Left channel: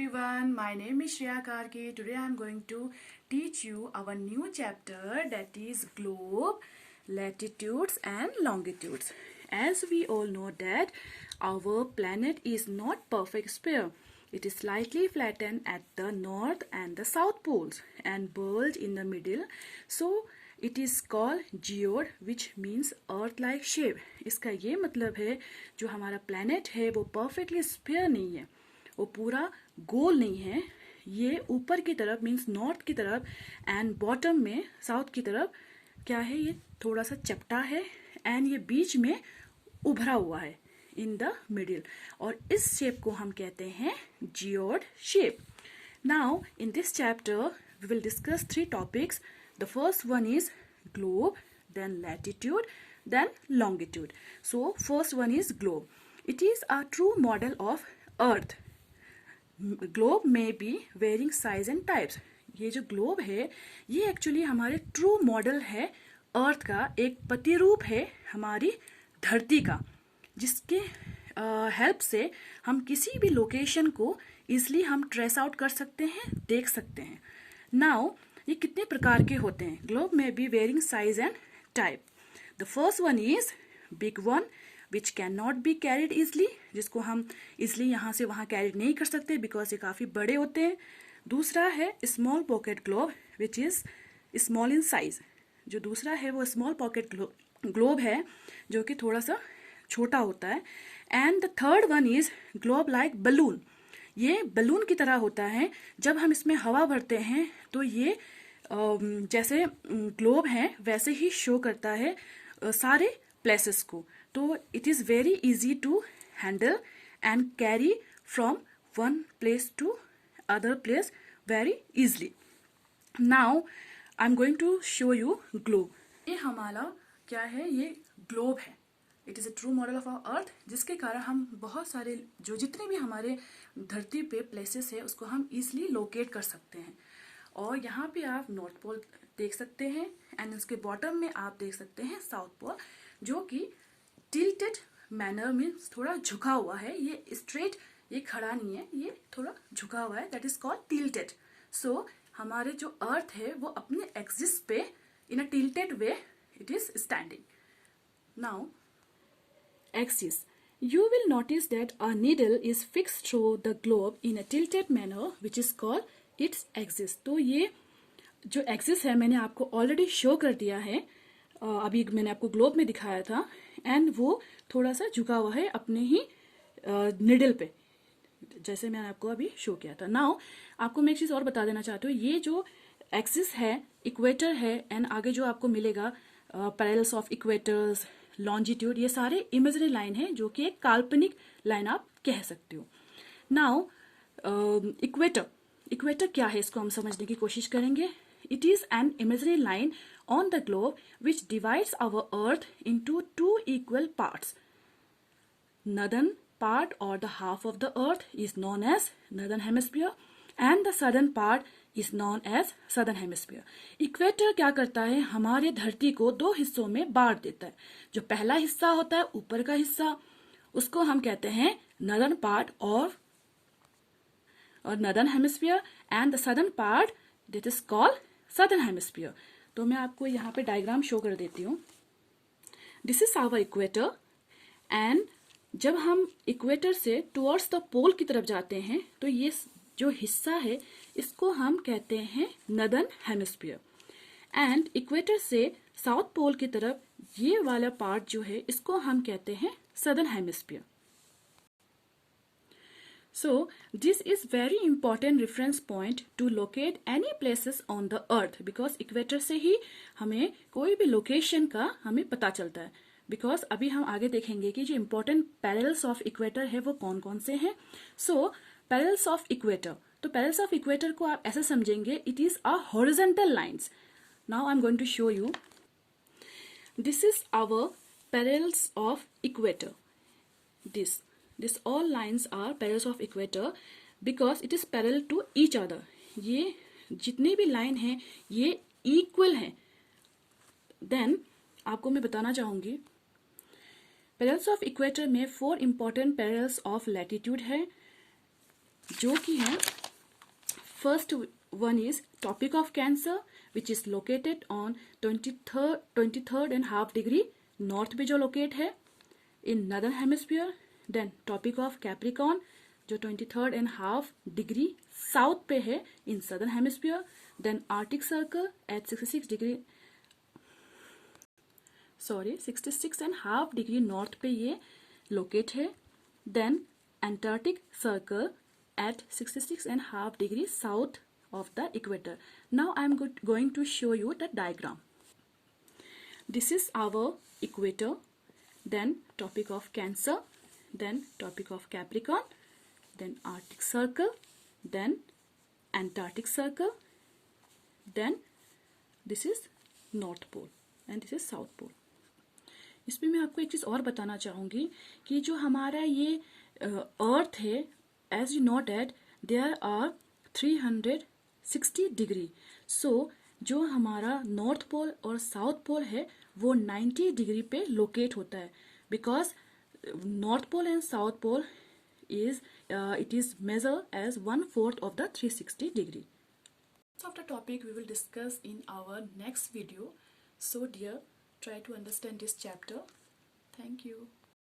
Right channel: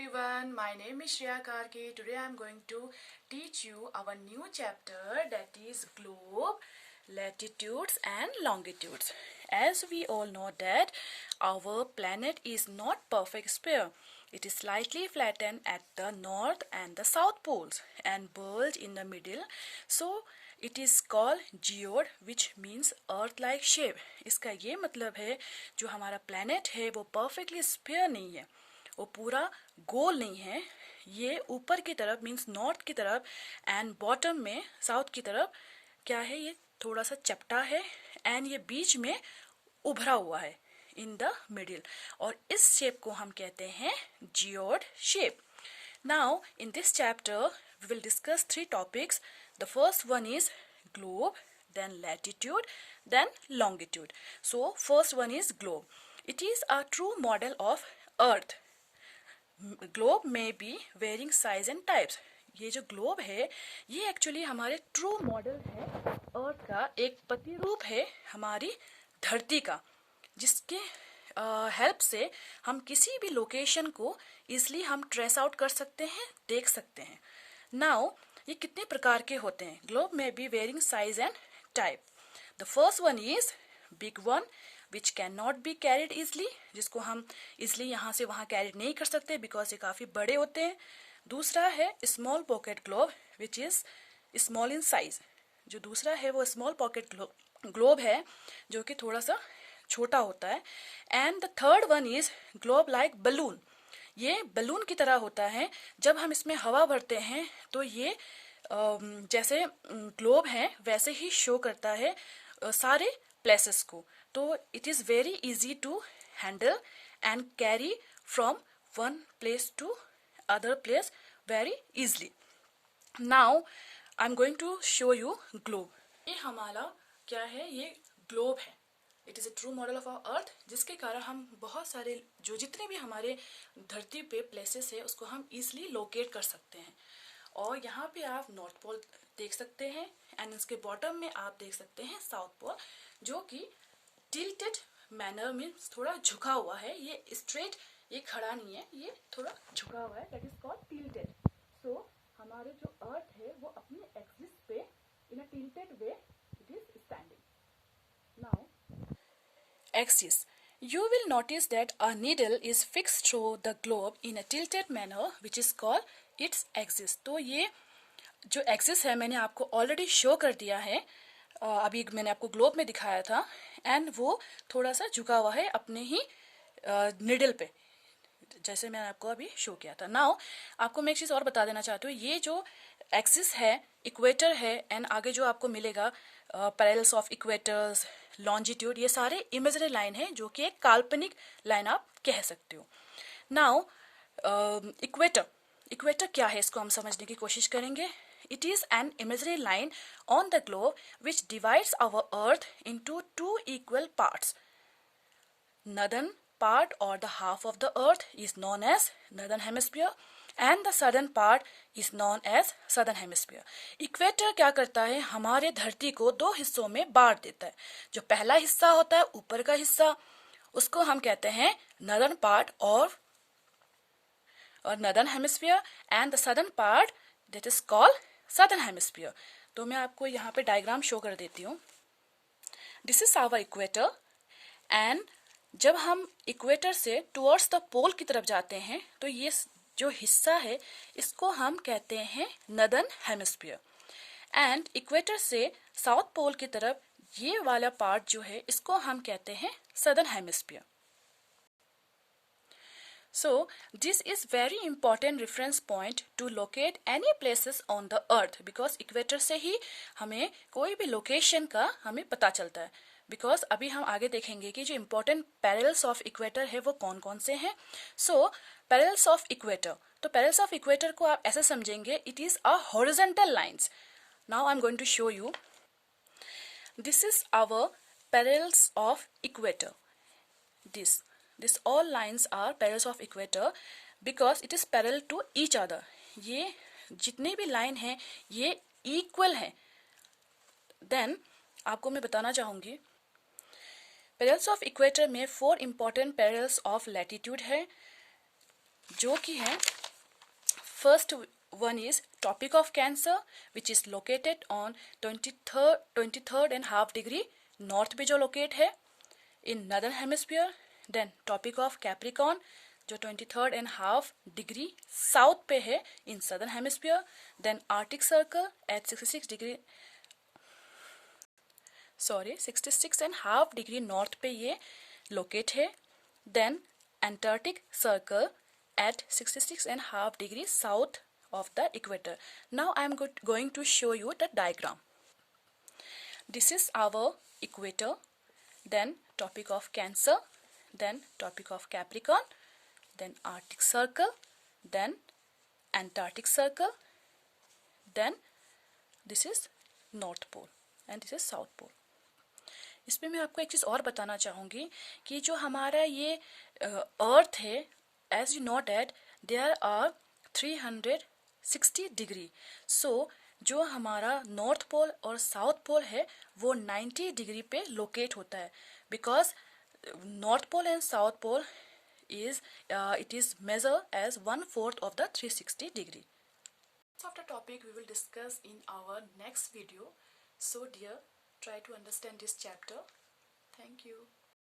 everyone, my name is Shreya Karke. Today I am going to teach you our new chapter, that is globe, latitudes and longitudes. As we all know that our planet is not perfect sphere. It is slightly flattened at the north and the south poles and bulge in the middle. So it is called geode, which means earth like shape. इसका ये मतलब है जो हमारा planet है वो perfectly sphere नहीं है, वो पूरा गोल नहीं है, ये ऊपर की तरफ मीन्स नॉर्थ की तरफ एंड बॉटम में साउथ की तरफ क्या है, ये थोड़ा सा चपटा है एंड ये बीच में उभरा हुआ है इन द मिडिल, और इस शेप को हम कहते हैं geoid shape. Now in this chapter we will discuss 3 topics. The first one is globe, then latitude, then longitude. So first one is globe. It is a true model of earth. Globe में be varying size and types. ये जो globe है ये actually हमारे true model है अर्थ का, एक प्रतिरूप है हमारी धरती का, जिसके हेल्प से हम किसी भी लोकेशन को इजली हम ट्रेस आउट कर सकते हैं, देख सकते हैं. नाउ ये कितने प्रकार के होते हैं? ग्लोब में be varying size and type. The first one is big one which can not be carried easily, जिसको हम इजली यहाँ से वहाँ कैरिड नहीं कर सकते बिकॉज ये काफ़ी बड़े होते हैं. दूसरा है small pocket globe which is small in size. जो दूसरा है वो स्मॉल पॉकेट ग्लोब है जो कि थोड़ा सा छोटा होता है. And the third one is globe like balloon. ये बलून की तरह होता है, जब हम इसमें हवा भरते हैं तो ये जैसे ग्लोब है वैसे ही शो करता है सारे प्लेसेस को. तो it is very easy to handle and carry from one place to other place very easily. Now I am going to show you globe. ये हमारा क्या है, ये ग्लोब है. It is a true model of our earth, जिसके कारण हम बहुत सारे जितने भी हमारे धरती पे प्लेसेस है उसको हम इजली लोकेट कर सकते हैं. और यहाँ पे आप नॉर्थ पोल देख सकते हैं एंड इसके बॉटम में आप देख सकते हैं साउथ पोल, जो कि टिल्टेड मैनर मीन्स थोड़ा झुका हुआ है. ये स्ट्रेट, ये खड़ा नहीं है, ये थोड़ा झुका हुआ है, that is called tilted. So हमारे जो अर्थ है वो अपने एक्सिस पे in a tilted way it is standing. Now axis, you will notice that a needle is fixed through the globe in a tilted manner which is called its axis. तो ये जो axis है मैंने आपको already show कर दिया है, अभी मैंने आपको ग्लोब में दिखाया था, एंड वो थोड़ा सा झुका हुआ है अपने ही निडल पे, जैसे मैंने आपको अभी शो किया था. नाउ आपको मैं एक चीज़ और बता देना चाहती हूँ, ये जो एक्सिस है इक्वेटर है एंड आगे जो आपको मिलेगा पैरेलल्स ऑफ इक्वेटर्स, लॉन्जिट्यूड, ये सारे इमेजरी लाइन है जो कि एक काल्पनिक लाइन आप कह सकते हो. नाउ इक्वेटर क्या है इसको हम समझने की कोशिश करेंगे. It is an imaginary line on the globe which divides our earth into 2 equal parts. Northern part or the half of the earth is known as northern hemisphere and the southern part is known as southern hemisphere. Equator क्या करता है, हमारे धरती को 2 हिस्सों में बांट देता है. जो पहला हिस्सा होता है ऊपर का हिस्सा, उसको हम कहते हैं northern part और northern hemisphere, and the southern part that is called southern hemisphere. तो मैं आपको यहाँ पे डायग्राम शो कर देती हूँ. This is our equator and जब हम इक्वेटर से टुवर्ड्स द पोल की तरफ जाते हैं तो ये जो हिस्सा है इसको हम कहते हैं नदर्न हेमिस्फीयर, एंड इक्वेटर से साउथ पोल की तरफ ये वाला पार्ट जो है इसको हम कहते हैं southern hemisphere. So this is very important reference point to locate any places on the earth, because equator से ही हमें कोई भी लोकेशन का हमें पता चलता है. बिकॉज अभी हम आगे देखेंगे कि जो इम्पोर्टेंट पैरेलल्स ऑफ इक्वेटर है वो कौन कौन से हैं. सो पैरेलल्स ऑफ इक्वेटर, तो पैरेलल्स ऑफ इक्वेटर को आप ऐसे समझेंगे, it is a horizontal lines. Now I am going to show you. This is our parallels of equator. This all lines are parallels of equator because it is parallel to each other. ये जितने भी line हैं ये equal हैं. Then आपको मैं बताना चाहूँगी पैरेलल्स ऑफ इक्वेटर में 4 इंपॉर्टेंट पैरेलल्स ऑफ लैटिट्यूड है. जो कि है first one is topic of Cancer which is located on 23rd and half degree north पे जो लोकेट है in northern hemisphere. Then topic of Capricorn जो 23rd and half degree south पे है in southern hemisphere. Then Arctic circle at 66 and half degree north पे ये locate है. Then Antarctic circle at 66 and half degree south of the equator. Now I am going to show you the diagram. This is our equator, then topic of Cancer, then topic of Capricorn, then Arctic Circle, then Antarctic Circle, then this is North Pole and this is South Pole. इसमें मैं आपको एक चीज़ और बताना चाहूँगी कि जो हमारा ये अर्थ है, as you know that there are 360 degree. So जो हमारा नॉर्थ पोल और साउथ पोल है वो 90 डिग्री पे लोकेट होता है, because north pole and south pole is it is measured as 1/4 of the 360 degree. Of the topic we will discuss in our next video. So dear, try to understand this chapter. Thank you.